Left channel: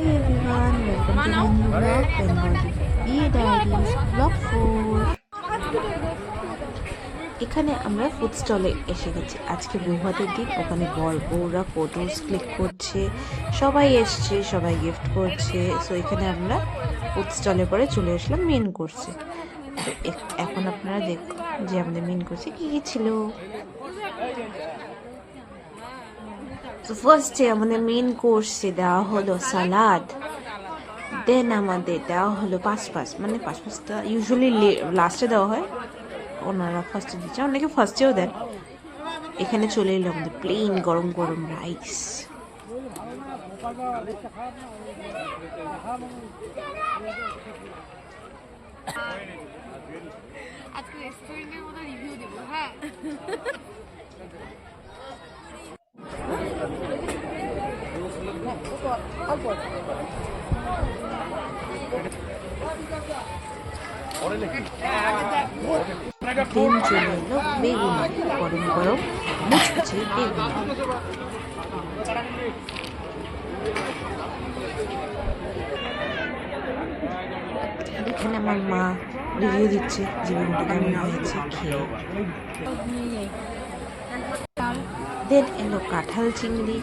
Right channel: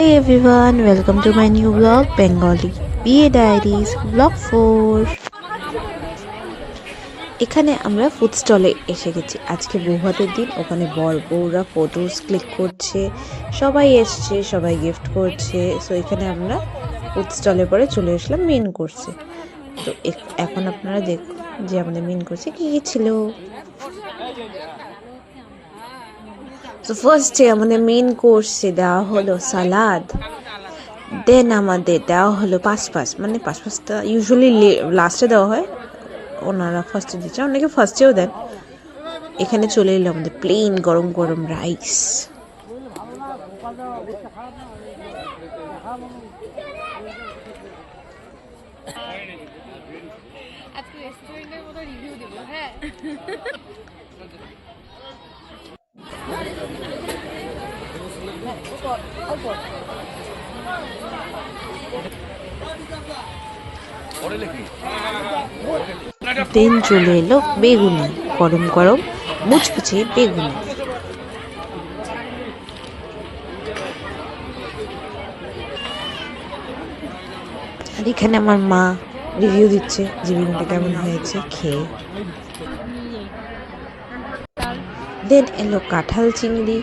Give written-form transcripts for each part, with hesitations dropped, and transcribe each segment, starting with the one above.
Hey everyone, welcome to my new vlog, Bengali BA Diaries Vlog 4। এখানে আমরা food স্টলে এসে গেছি। আজকে বৌভাতের দিন, ওখানে বর বউরা ফটোস ক্লিক করছে, সবাই এসছে, সবাই গিফট করছে। সো এখানে আমরা ফুড স্টলে পরে চলে আসলাম মেন কোর্সে। তো এখন আপনারা দেখুন যে আমাদের মেন কোর্সে কী কী ছিল। তো ফার্স্টে আমাদের মেন কোর্সে দেওয়া হলো সালাদ, দেন আমাদের দেওয়া হলো পাঁচটা ইউজুয়ালি লাস্টে দেওয়া হয়, ওনারা ফার্স্টে দিচ্ছে, অনেকে ফার্স্টেও দেন। এখানে চলে এলো আমাদের প্লেন গরম গরম রাইস। দেন চলে এলো বেগুনি, গরম গরম মুচকুচে বেগুনি। আর এখানে আমার মা রিভিউ দিচ্ছে যে বেগুনটা কেমন হয়েছে খেয়ে। দেন এলো কাঁঠাল চিংড়ি,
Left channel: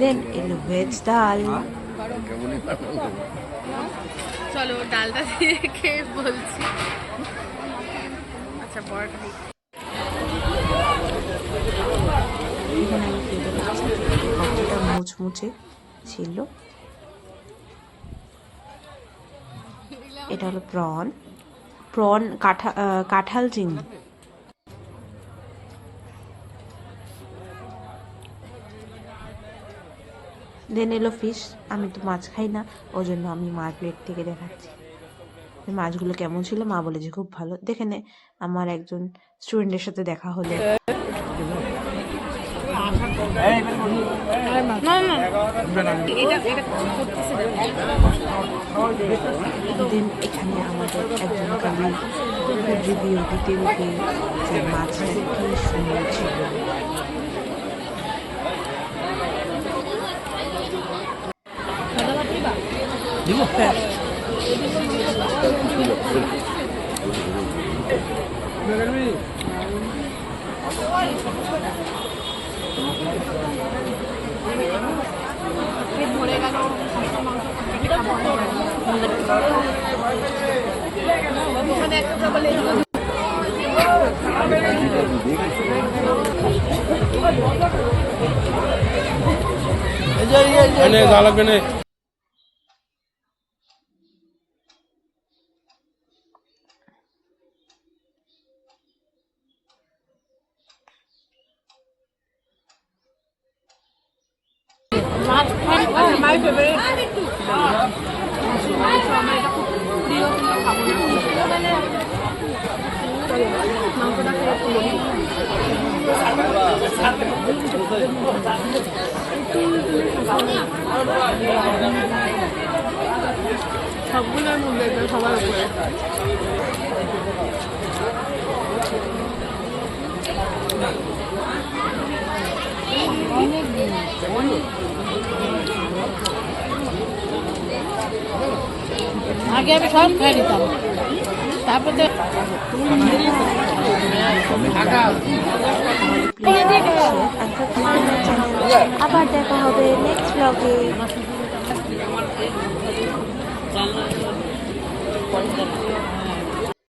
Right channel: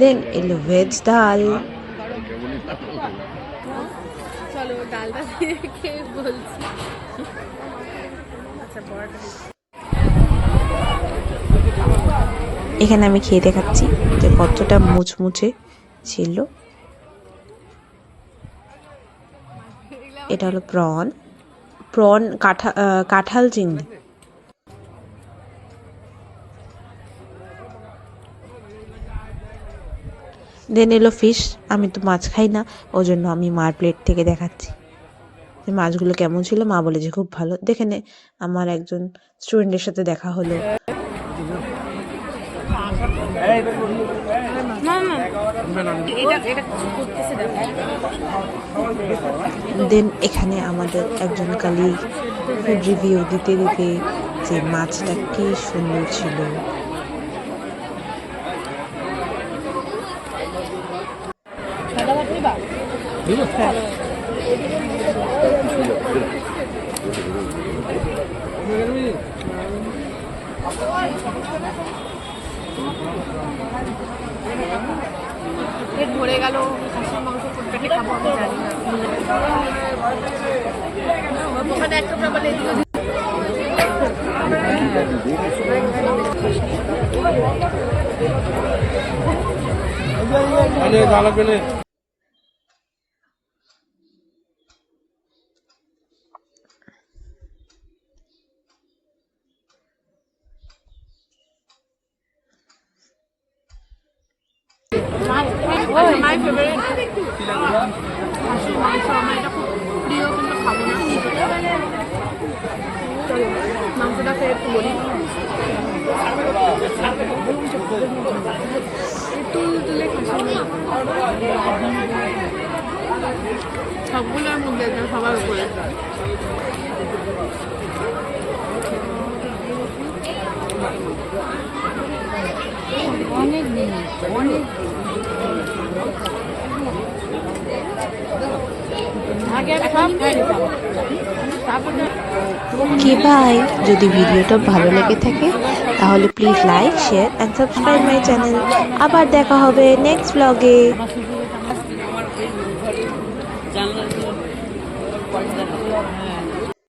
দেন এলো ভেজ ডাল। চলো ডালটা দিয়ে খেয়ে বলছি। আচ্ছা বড়টা এখানে আমি খেয়ে দেখাচ্ছি যে কতটা মুচমুচে ছিল। এটা হলো প্রন কাঁঠাল চিংড়ি। দেন এলো ফিশ। আমি তো মাছ খাই না, ওই জন্য আমি মার প্লেট থেকে দেখাচ্ছি মাছগুলো কেমন ছিল। মা বলে যে খুব ভালো। দেখে নে, আমার একজন স্টুডেন্টের সাথে দেখা হলো। দেন এখানে আমাদের একজন কালি ফুড রিভিউ দিতে দিতে যে মাছটা কি সুন্দর ছিল। ধরে গেল মাংস খাবো আমি জানি না। একটা বলে লাগবে না। মাই ফেভারিট মাংস, আমার এটা খুব প্রিয়, কিন্তু খাবো না। চলো মাংসটা খেয়ে একটু বলি। সবগুলোর মধ্যে সবার উপরে কি ভাই, যদি ভিডিওটা ভালো লেগে থাকে তাহলে please like, share and subscribe my channel. আবার দেখা হবে নেক্সট ব্লগে।